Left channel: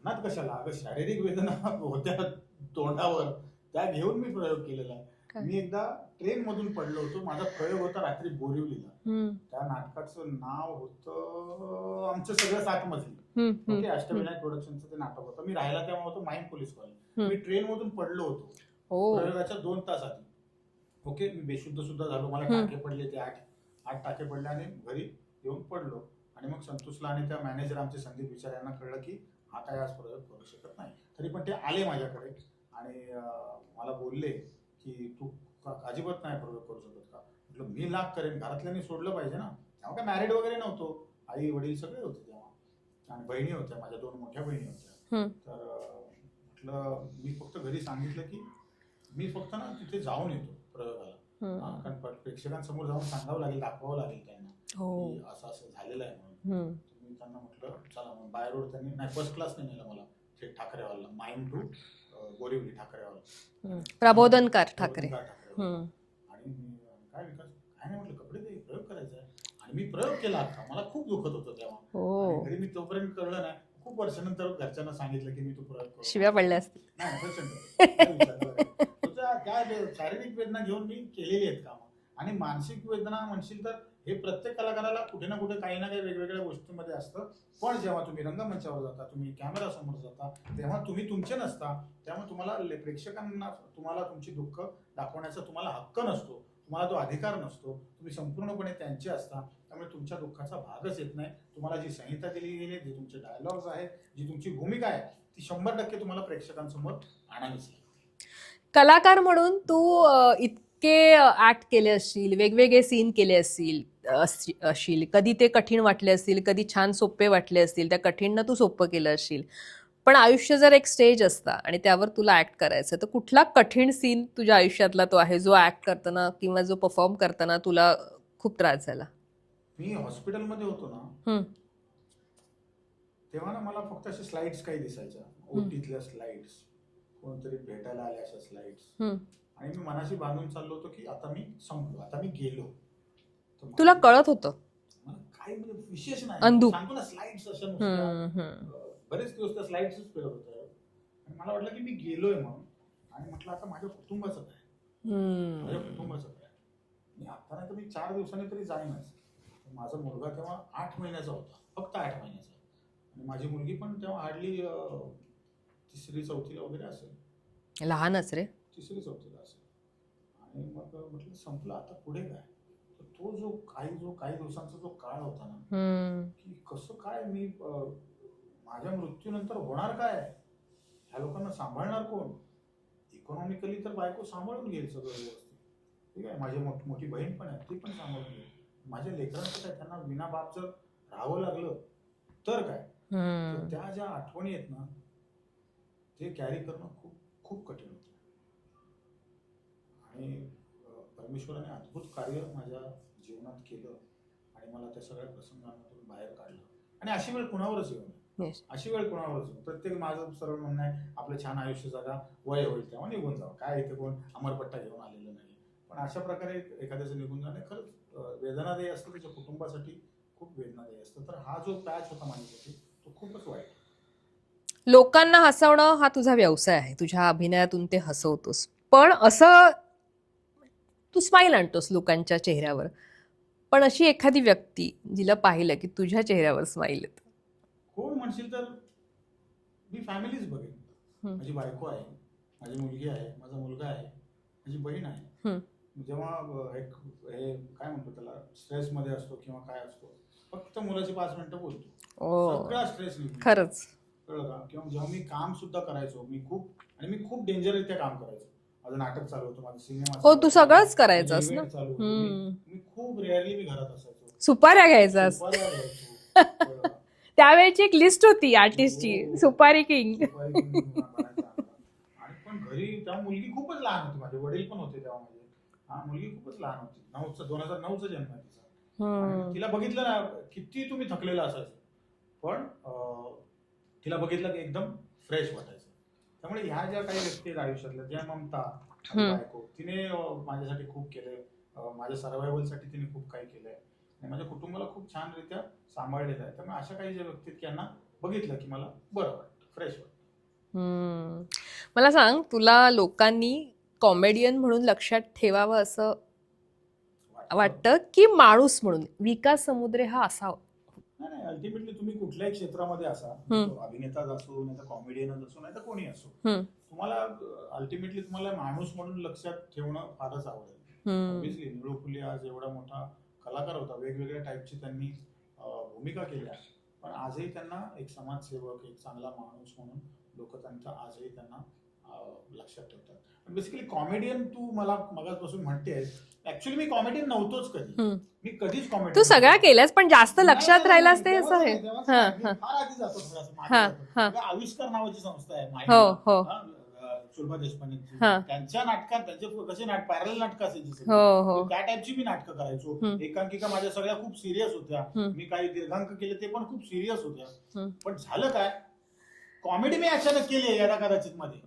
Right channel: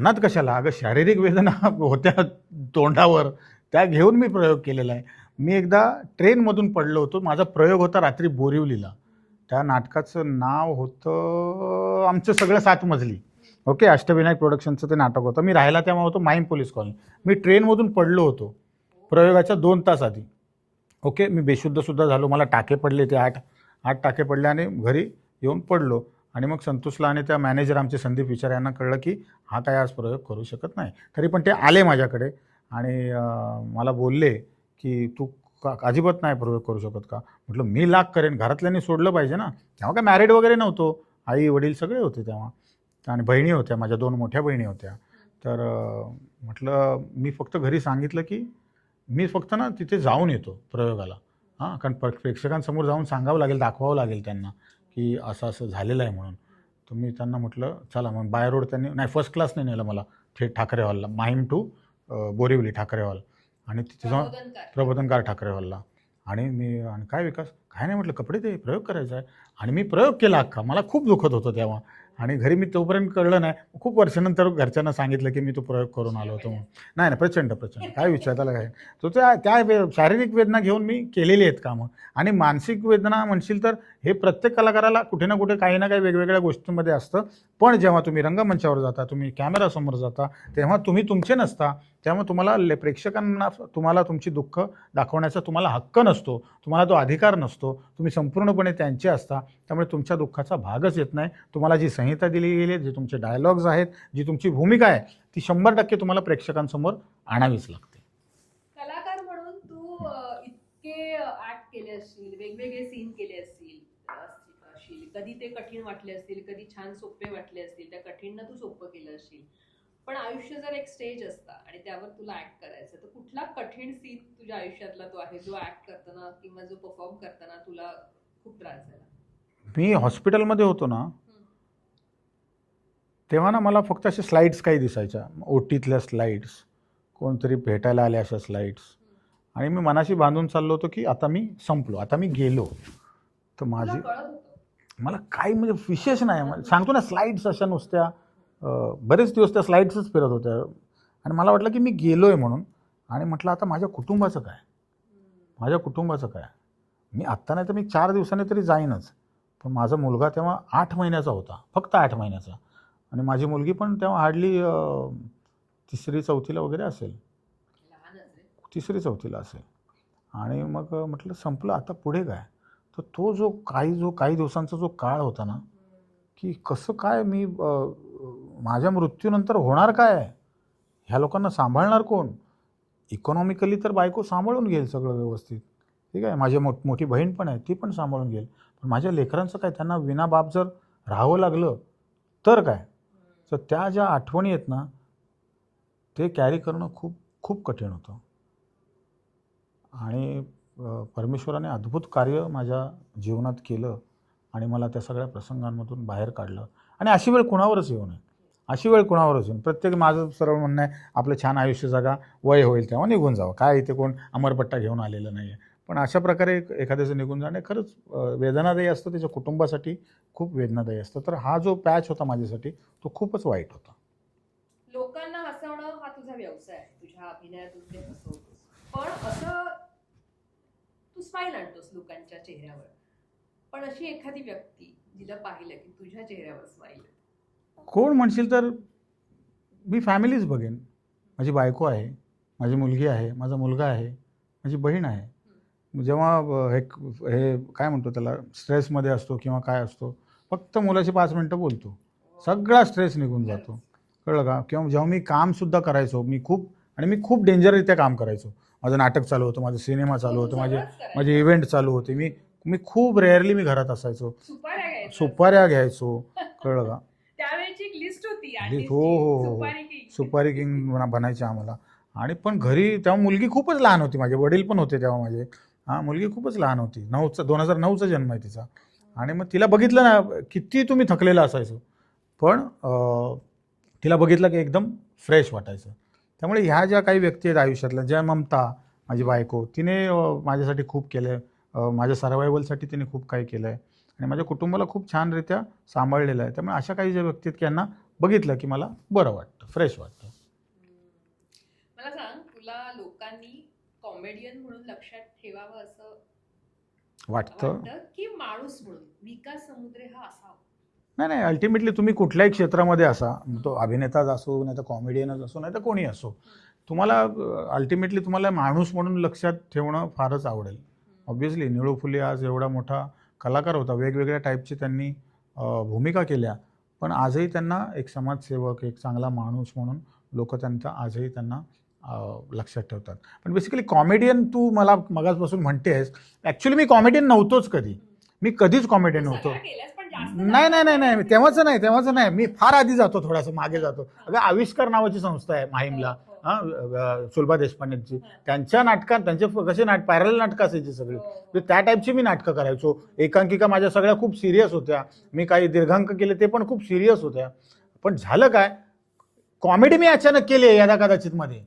मनात कशाला, अगं शारीरिक वेदना होत्या तोंडावर, त्या घेऊन मी प्रयोग केलेला आहे. मी एकदा ट्रेनमधून पडलो होतो. माझा प्रयोग होता रात्री बोरिवलीला. त्या नाटकाचं नाव होतं आमचं सगळं 7 मजली. ओके, अष्टविनायक प्रोडक्शनचं ते नाटक होतं. मी राहायला तेव्हा होतो माहीम पोलीस कॉलनी. मी ट्रेनमधून पडलो होतो प्रयोगाच्या 2 तास आधी. ओके, मी बेशुद्ध सुद्धा झालो. मला टाके पडले, ते 8 टाके पडले आणि घरी येऊन पडलो. आणि मग संतोषला आणि त्या मॅनेजर आमचे संदीप विचार यांना कळलं की हा काय आज प्रयोग करू शकत नाही. तरी पण ते आले माझ्याकडे आणि मला बोलले की तू अजिबात नाही प्रयोग करू शकत का? म्हटलं मी लाख करेन, घरातल्यांनी सोडलं पाहिजे ना. तेव्हा काय मॅरिड वगैरे नव्हतो, आई वडील सगळे होते तेव्हा, आणि बहिणी होत्या, माझ्या 2 मोठ्या बहिणी होत्या. तर म्हटलं मी फक्त घरी सांगितलं की मी फक्त ना तिथे जाऊन येतो प्रयोगाला. हां, कारण प्रेक्षकांसमोर जाऊन सांगावं लागेल, दाखवावं लागेल त्यांना की असं असं झालेलं आहे म्हणून. तर मी त्यांना म्हटलं चला. मग बाय रोड त्यांनी नाही, फर्स्ट क्लासने नेलं मला थेट ठाकरे हॉलला, माहीम टू बोरिवली ठाकरे हॉल, आणि प्रबोधनकार ठाकरे हॉलला. आणि आणि काय विकास, काय नाही म्हटलं, कपडे ते प्रयोग करायचा आहे. आणि मी प्रयोग केला अख्खा. मला खूप दुखत होतं तेव्हा. आणि घरी मी तोपर्यंत कळलं नाही. खूप वर्षानंतर घरच्यांना सांगितलं की मी तो प्रयोग करून आलो होतो. नाही प्रचंड काय विचार त्याला काय. तो त्या शारीरिक वेदना घेऊन मी केलेली आहेत कामं. आणि मानसिक वेदना म्हणशील तर हे प्रत्येक कलाकाराला कुठे ना कुठे काही ना काही वेगवेगळ्या गोष्टींमध्ये असतं. पण जेव्हा तुम्ही रंगमंचावर जाता, तुम्ही कॅमेरासमोर जाता, तेव्हा तुम्ही तुमचे नसता. त्यामुळे तुम्हाला प्रेक्षकांना तुम्हाला तुमची दुःख दाखवण्याचा तुम्हाला हक्क नसतो, तुम्हाला तो अधिकार नसतो. तुम्ही संपूर्णपणे त्यांचे असता. त्यामुळे तुमच्या दुःखाचा भागच येत नाही. तुम्हाला जी संहिता दिली गेली आहे, जे तुमचे डायलॉग्स आहेत, जी तुमची भूमिका आहे, ती 100% तुम्हाला प्रेक्षकांसमोर आणावीच लागते. कलाकार म्हणून तू इतके ऍक्ट केले असतील, वेगवेगळे सीन केले असतील, कधी ते कठीण वाटले असतील, कधी छान सोपे वाटले असतील, त्या कठीणनं तू सोपं केलं असशील. पण आयुष्य जर एक स्टेज असता आणि त्यावर तुला ऍक्ट करायचं, तर कुठला कठीण सीन तुझ्या आयुष्यातला तो आहे जो ऍक्ट करताना किंवा जो परफॉर्म करताना तुला खूप त्रास झाला? मी हॉस्पिटलमध्ये होतो ना, तेव्हा ना मला फक्त अशा स्लाइड्स काही दिसायच्या, ओटीतल्या स्लाइड्स, कोणतरी भेटायला आले अशा स्लाइड्स. आणि मी मनाशी बांधून चाललो होतो की आता मी संपलो, आता मी गेलो. तर तुला कळत होतं मला काही म्हणजे विशेष नाही, सांगतो ना, स्लाइड्स अशा नुसत्या, बरेच दिवस त्या स्लाइड्सच फिरत होत्या. आणि मला वाटलं की मी गेलोय म्हणून. आणि म्हटलं आता माझ्या कुटुंबाचं काय, माझ्या कुटुंबाचं काय. मी आत्ता नाही तर मी 4 दिवसांनी तरी जाईनच. पण माझा मुलगा तेव्हा 8 महिन्याचा होता, फक्त 8 महिन्याचा. आणि माझी मुलगी पण तेव्हा हार्डली 3री 4थीला वगैरे असेल, लहानच रे, 3री 4थीला असेल. आणि मग म्हटलं संपलं, आता पुढे काय. तर तो जो काही दिवसांचा जो काळ होता ना, की कसं काय मी माझ्या मृत्यूनंतर होणार काय, ह्या लोकांना सांभाळणार कोण. इकॉनॉमिकली तर बायको सांभाळून घेईल सगळं व्यवस्थित, ठीक आहे, माझी मोठी बहीण पण आहे, ती पण सांभाळून घेईल. पण माझ्या लेकरांचं काय, त्यांना विना बाप जर राहावं लागलं तर काय. तर त्या ज्या आठवणी आहेत ना, ते कॅरी करणं खूप खूप कठीण होतं. आणि परमेश्वराने अद्भुत कार्य माझ्या जीवनात केलं आणि मला त्या सगळ्या प्रसंगांमधून बाहेर काढलं. आणि अशी वेळ कुणावरच येऊ नये, अशी वेळ कुणावरच येऊन. प्रत्येक माझं सरळ म्हणणं आहे, आपलं छान आयुष्य जगा, वय होईल तेव्हा निघून जावं. काय इथे कोण अमरपट्टा घेऊन आलेलं नाही आहे. पण अशा प्रकारे एखाद्याचं निघून जाणे खरंच वेदनादायी असतं, त्याच्या कुटुंबासाठी खूप वेदनादायी असतं. तर हा जो पॅच होता माझ्यासाठी, तो खूपच वाईट होता. लोकांना हसवणं हा तुझा व्यवसाय आहे, तुझ्या अभिनयातून ते हसवतोस. पण असं तू स्माईल आणतोस लोकांच्या चेहऱ्यावर. पण अशी एखादी व्यक्ती जिला पाहिलं की तुझ्या चेहऱ्यावर स्माईल येतं, कोण म्हणशील तर मी फॅमिलीच बघेन. माझी बायको आहे, माझी मुलगी आहे, माझा मुलगा आहे, माझी बहीण आहे. जेव्हा हे काय म्हणतो त्याला, स्ट्रेसमध्ये असतो किंवा काय असतो, फक्त मुलाशी 5 मिनिटं बोलतो, सगळा स्ट्रेस निघून जातो. कळलं का. किंवा जेव्हा मी कामसुद्धा करायचो, मी खूप डेंजररित्या काम करायचो. माझं नाटक चालू होतं, माझा सिनेमा चालू होता, माझे इव्हेंट चालू होते. मी खूप रेअरली मी घरात असायचो. सुपाऱ्या घ्यायचो. कळलं का. त्यावेळेची एक लिस्ट होती आर्टिस्टची, सुपारी किंग बनायचे आम्हाला. आणि पण घरी तेव्हा मुलगी खूपच लहान होती, माझे वडील पण होते तेव्हा माझे. मुलगी खूपच लहान होती, 2009चा जन्म आहे तिचा. आणि मग तिला बघितलं ना, किती तुम्ही थकलेला असायचो, पण तिला बघितलं की एकदम फ्रेश वाटायचं. त्यामुळे ह्या ज्या काही व्यक्ती आहेत आयुष्यातल्या, ज्या ममता माझी बायको, तिने माझ्यासाठी खूप केलं आहे, माझ्या सर्वायवलसाठी तिने खूप काही केलं आहे आणि माझ्या कुटुंबाला खूप छानरित्या सांभाळलेलं आहे. त्यामुळे अशा काही ज्या व्यक्ती आहेत की यांना बघितलं की मला बरं वाटतं, फ्रेश वाटतं. मला सांग, तुला लोकांनी कॉमेडियन म्हणून लक्षात ठेवावं असं वाटतं की माणूस म्हणून? विकास समुद्रे हा असावा? नाही, अल्टिमेटली तुम्ही कुठल्याही क्षेत्रामध्ये असा, तो अभिनेताच असो, नाही तर कॉमेडियनच असो, नाही तर कोणी असो, तुम्हाला अल्टिमेटली तुम्हाला माणूस म्हणून लक्षात ठेवणं फारच आवडेल. ऑब्व्हियसली निळू फुले आज एवढा मोठा कलाकार होता, वेगवेगळ्या टाईपची त्यांनी भूमिका केल्या, पण आजही त्यांना एक समाजसेवक, एक चांगला माणूस म्हणून लोक त्यांचा आजही त्यांना लक्षात ठेवतात. पण बेसिकली कॉमेडियन तू मला मगाचपासून म्हणतेस, ऍक्च्युली मी कॉमेडियन नव्हतोच कधी. मी कधीच तू कॉमेडियन सगळ्या केल्यास, पण जास्त लक्षात राहिलास ते तेव्हाच असं नाही, तेव्हाच हां, नाही. मी हां. फार आधी जातो, थोडासा मागे हां, जातो. हां. बघा, आविष्कार नावाची संस्था आहे हो, माहीमला, हो. सुलभा देशपांडेंची. हां. त्यांच्या नाटकात त्यांचे कसे पॅरल नाटकं असायची सगळी, हो, तर हो. त्या टाईपची मी नाटकं करायचो. एकांकिका माझ्या सगळ्या खूप सिरियस होत्या. मी काही दीर्घांक केले, ते पण खूप सिरियस होत्या. पण झालं काय, कॉमेडी मी अचानक केली आहे यदा कदाचित मध्ये.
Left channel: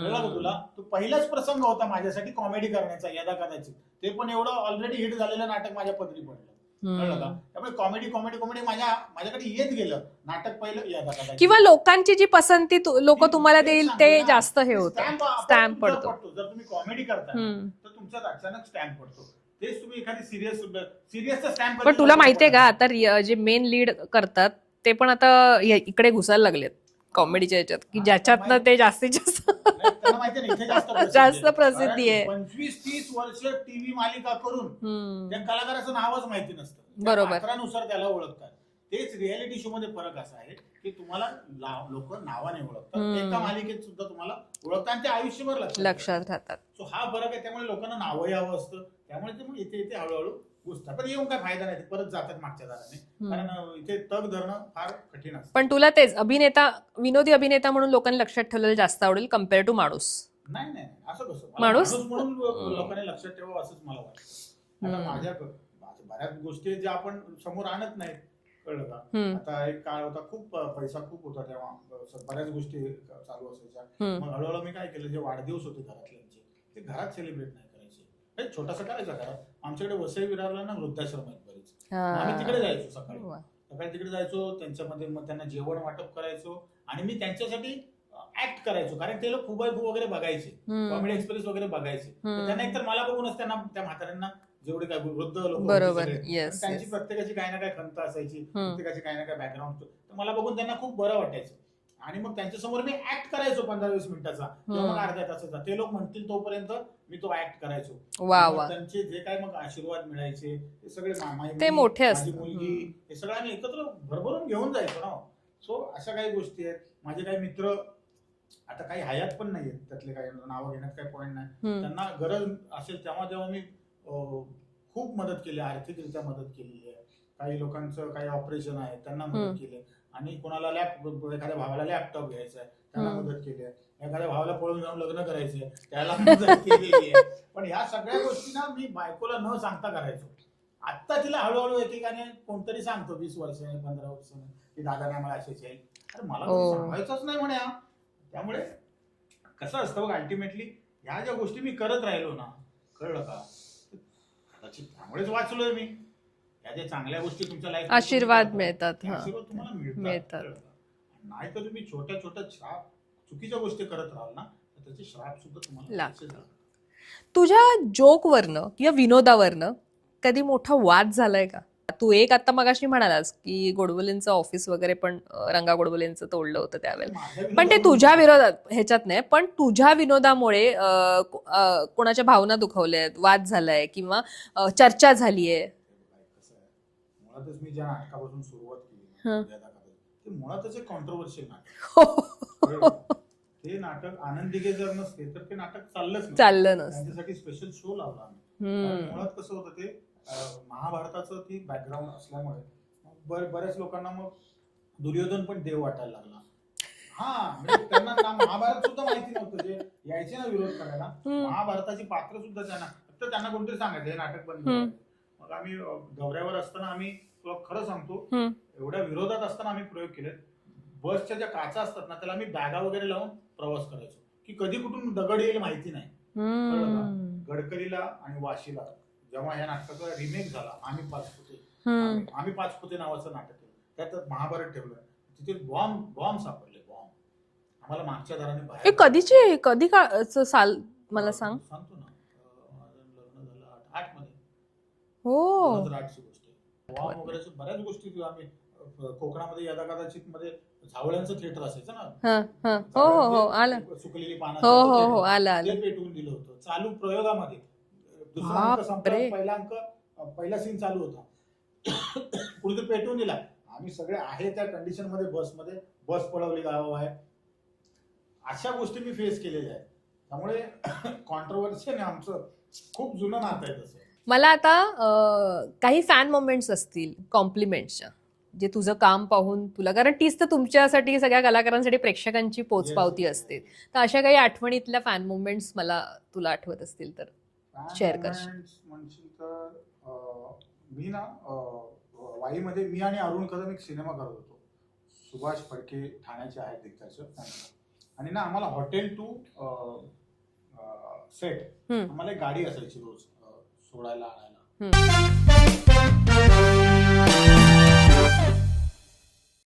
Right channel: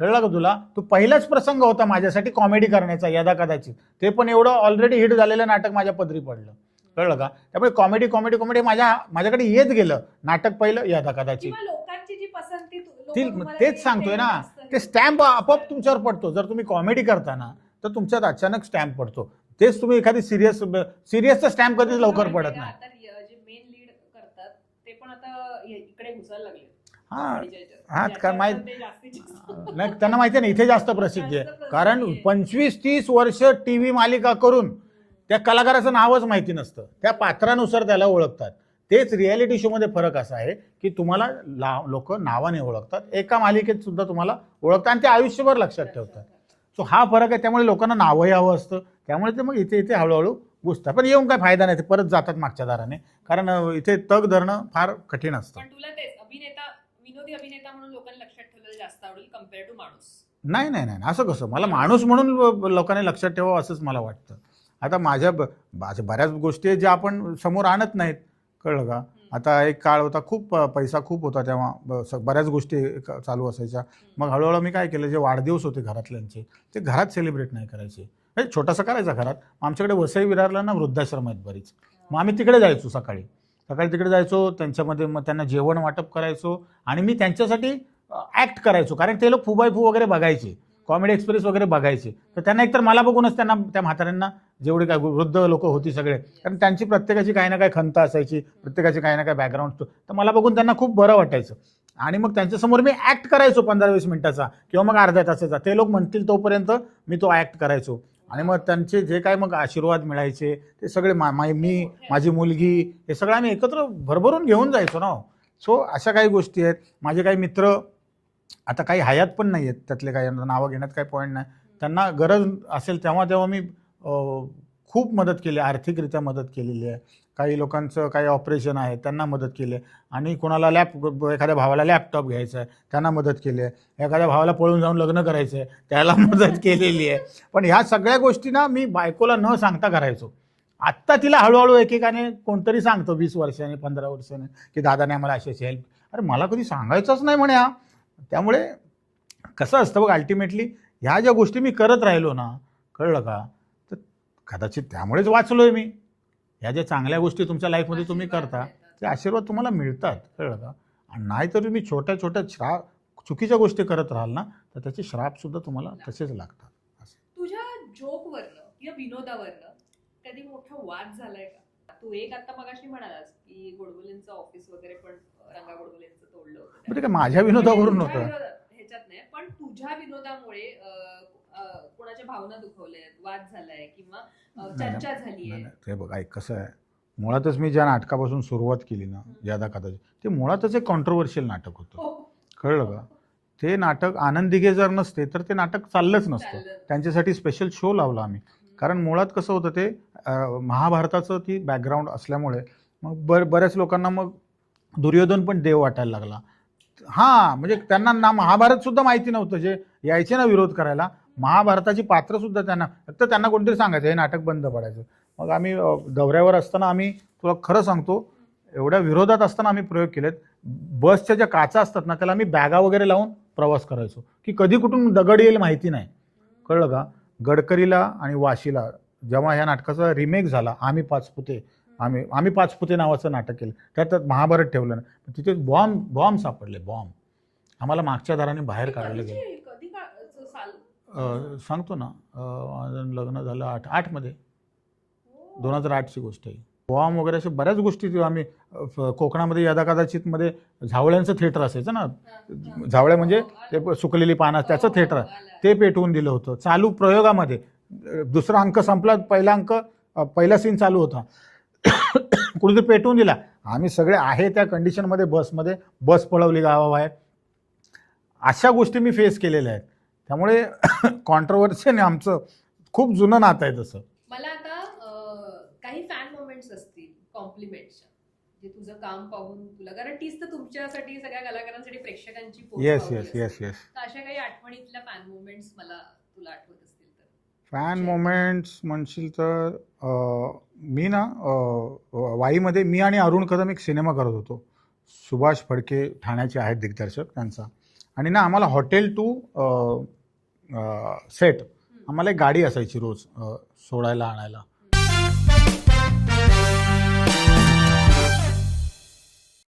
कळलं का तुला? तो पहिलाच प्रसंग होता माझ्यासाठी कॉमेडी करण्याचा, यदा कदाचित. ते पण एवढं ऑलरेडी हिट झालेलं नाटक माझ्या पदरी पडलं. कळलं का? त्यामुळे कॉमेडी कॉमेडी कॉमेडी माझ्याकडे येत गेलं. नाटक पहिलं, यदा कदाचित. किंवा लोकांची जी पसंती लोक तुम्हाला देईल ते जास्त हे होतं. स्टॅम्प आपोआप तुमच्यावर पडतो. जर तुम्ही कॉमेडी करताना तर तुमच्यात अचानक स्टॅम्प पडतो. तेच तुम्ही एखादी सिरियसचा स्टॅम्प पण तुला माहितीये का, आता जे मेन लीड करतात ते पण आता इकडे घुसायला लागलेत कॉमेडीच्या ह्याच्यात, ज्याच्यात ते जास्तीत जास्त त्यांना माहितीये ना, इथे जास्त प्रसिद्धी कारण 25-30 वर्ष टीव्ही मालिका करून त्या कलाकाराचं नावच माहिती नसतं, त्या पात्रानुसार त्याला ओळखतात. तेच रियालिटी शो मध्ये फरक असा आहे की तुम्हाला लोक नावाने ओळखतात, एका मालिकेत सुद्धा तुम्हाला ओळखतात आणि ते आयुष्यभर लक्षात राहतात. सो हा फरक आहे. त्यामुळे लोकांना नावं यावं असतं, त्यामुळे ते मग इथे हळूहळू घुसतात. पण येऊन काय फायदा नाही, ते परत जातात मागच्या दाराने, कारण इथे तग धरणं फार कठीण असतं. पण तुला तेच विनोदी अभिनेता म्हणून लोकांनी लक्षात ठेवलेलं जास्त आवडेल कम्पेअर टू माणूस? नाही, असं कसं, मला माणूस म्हणून लोकांनी लक्षात ठेवावं असंच मला वाटतं. आता माझ्या बऱ्याच गोष्टी आहेत ज्या आपण समोर आणत नाहीत. कळलं का? आता एक काळ होता, खूप पैसा खूप होता तेव्हा, बऱ्याच गोष्टी चालू असायच्या. मग हळूहळू मी काय केलं, जे वाढदिवस होते घरातल्यांचे ते घरात सेलिब्रेट नाही करायचे, छोटासा करायचा घरात. आमच्याकडे वसई विरारला ना वृद्धाश्रम आहेत बरीच, मग आम्ही तिकडे जायचो, सकाळी तिकडे जायचो, त्यांच्यामध्ये मग त्यांना जेवण वाटप करायचो आणि मी त्यांच्यासाठी ऍक्ट करायचो, कारण ते लोक फू वगैरे बघायचे, कॉमेडी एक्सप्रेस वगैरे बघायचे. तर त्यांना एकतर मला बघूनच त्यांना, त्या म्हाताऱ्यांना, जेवढे काय वृद्ध लोक होती सगळे, कारण त्यांची प्रत्येकाची काही ना काही खंत असायची, प्रत्येकाची काही ना काही बॅकग्राऊंड, तर मला बघून त्यांना खूप बरं वाटायचं. आणि मग त्यांच्यासमोर मी ऍक्ट करायचो 15-20 मिनिटाचा किंवा मग अर्ध्या तासाचा. ते लोक म्हणतील तोपर्यंत मी तो ऍक्ट करायचो. मग त्यांचे जे काय मग आशीर्वाद मिळायचे ते सगळे, माझी मुलगी, हे सगळं आम्ही एकत्र भरभरून घेऊन जायचो ना. सो अशा काही गोष्टी आहेत. माझे काही मित्र आता काही हयात पण नाही आहेत, त्यातले काही नावं घेण्यात काही पॉईंट नाही. त्यांना गरज असेल तेव्हा मी खूप मदत केली, आर्थिकरित्या मदत केलेली आहे. काही लोकांचं काही ऑपरेशन आहे त्यांना मदत केली आहे, आणि कोणाला एखाद्या भावाला लॅपटॉप घ्यायचा आहे त्यांना मदत केली आहे, एखाद्या भावाला पळून जाऊन लग्न करायचं आहे त्याला मदत केलेली आहे. पण ह्या सगळ्या गोष्टी ना मी बायकोला न सांगता करायचो. आत्ता तिला हळूहळू एकेकाने कोणतरी सांगतो 20 वर्षाने 15 वर्षाने की दादाने आम्हाला अशी हेल्प. अरे मला कधी सांगायचंच नाही म्हणे. त्यामुळे कसं असतं बघ, अल्टिमेटली ह्या ज्या गोष्टी मी करत राहिलो ना, कळलं का, तर कदाचित त्यामुळेच वाचलोय मी. ह्या ज्या चांगल्या गोष्टी तुमच्या लाईफमध्ये आशीर्वाद मिळतात, ते आशीर्वाद तुम्हाला मिळतात, कळलं का. आणि नाहीतर तुम्ही छोट्या छोट्या चुकीच्या गोष्टी करत राहाल ना, तर त्याचे श्राप सुद्धा तुम्हाला तसेच लागतात. तुझ्या जोकवरनं किंवा विनोदावरनं कधी मोठा वाद झालाय का? तू आता मगाशी म्हणालास की गोडबोलेंचं ऑफिस वगैरे पण रंगा गोडबोलेंचं तोडलं होतं त्यावेळेला, पण ते तुझ्या विरोधात ह्याच्यात नाही, पण तुझ्या विनोदामुळे कोणाच्या भावना दुखवल्यात, वाद झालाय किंवा चर्चा झालीये? हे बघ, ऐक कसं आहे, मुळातच मी ज्या नाटकापासून सुरुवात केली ना, ज्यादा कदाचित, ते मुळातच एक कॉन्ट्रोवर्शियल नाटक होतं. कळलं का? ते नाटक आनंद दिघे जर नसते तर ते नाटक चाललंच नसतं. त्यांच्यासाठी स्पेशल शो लावला आम्ही, कारण मुळात कसं होतं, ते महाभारताचं ती बॅकग्राऊंड असल्यामुळे मग बऱ्याच लोकांना मग दुर्योधन पण देव वाटायला लागला. म्हणजे त्यांना ना महाभारत सुद्धा माहिती नव्हतं, जे यायचे ना विरोध करायला, महाभारताची पात्र सुद्धा फक्त त्यांना कोणतरी सांगायचं हे नाटक बंद करायचं. मग आम्ही दौऱ्यावर असताना, आम्ही तुला खरं सांगतो, एवढ्या विरोधात असताना आम्ही प्रयोग केलेत. बसच्या ज्या काचा असतात ना, त्याला आम्ही बॅगा वगैरे लावून प्रवास करायचो की कधी कुठून दगड येईल माहिती नाही. कळलं का? गडकरीला आणि वाशीला जेव्हा ह्या नाटकाचा रिमेक झाला, आम्ही 5 फुटे, आम्ही पाचपुते नावाचं नाटक केलं, त्यात महाभारत ठेवलं ना, तिथे बॉम्ब सापडले, बॉम्ब आम्हाला मागच्या दाराने बाहेर हे काढले. कधी काळचं साल मला सांग. सांगतो ना, माझं लग्न झालं 8 मध्ये, हो 2008ची गोष्ट आहे. बॉम्ब वगैरे अशा बऱ्याच गोष्टी आम्ही कोकणामध्ये यदा कदाचित मध्ये झावळ्यांचं थिएटर असायचं ना, झावळे म्हणजे ते सुकलेली पानं, त्याचं थिएटर, ते पेटवून दिलं होतं चालू प्रयोगामध्ये. दुसरा अंक संपला, पहिला सीन चालू होता, कुठेतरी पेटवून दिला. आम्ही सगळे आहे त्या कंडिशनमध्ये बस पळवली गावाबाहेर. अशा गोष्टी मी फेस केलेल्या आहेत. त्यामुळे कॉन्ट्रोवर्सीने आमचं खूप जुनं नातं आहे तसं. मला आता काही फॅन मोमेंट्स असतील कॉम्प्लिमेंट्सच्या, जे तुझं काम पाहून तुला, कारण तीच तर तुमच्यासाठी सगळ्या कलाकारांसाठी प्रेक्षकांची पोचपावती असते. तर अशा काही आठवणीतल्या फॅन मोमेंट्स मला तुला आठवत असतील तर फॅन मोमेंट्स म्हणशील तर मी ना वाईमध्ये मी आणि अरुण कदम एक सिनेमा करत होतो. सुभाष फडके ठाण्याचे आहेत दिग्दर्शक त्यांचा. आणि ना आम्हाला हॉटेल टू सेट आम्हाला एक गाडी असायची रोज सोडायला आणायला.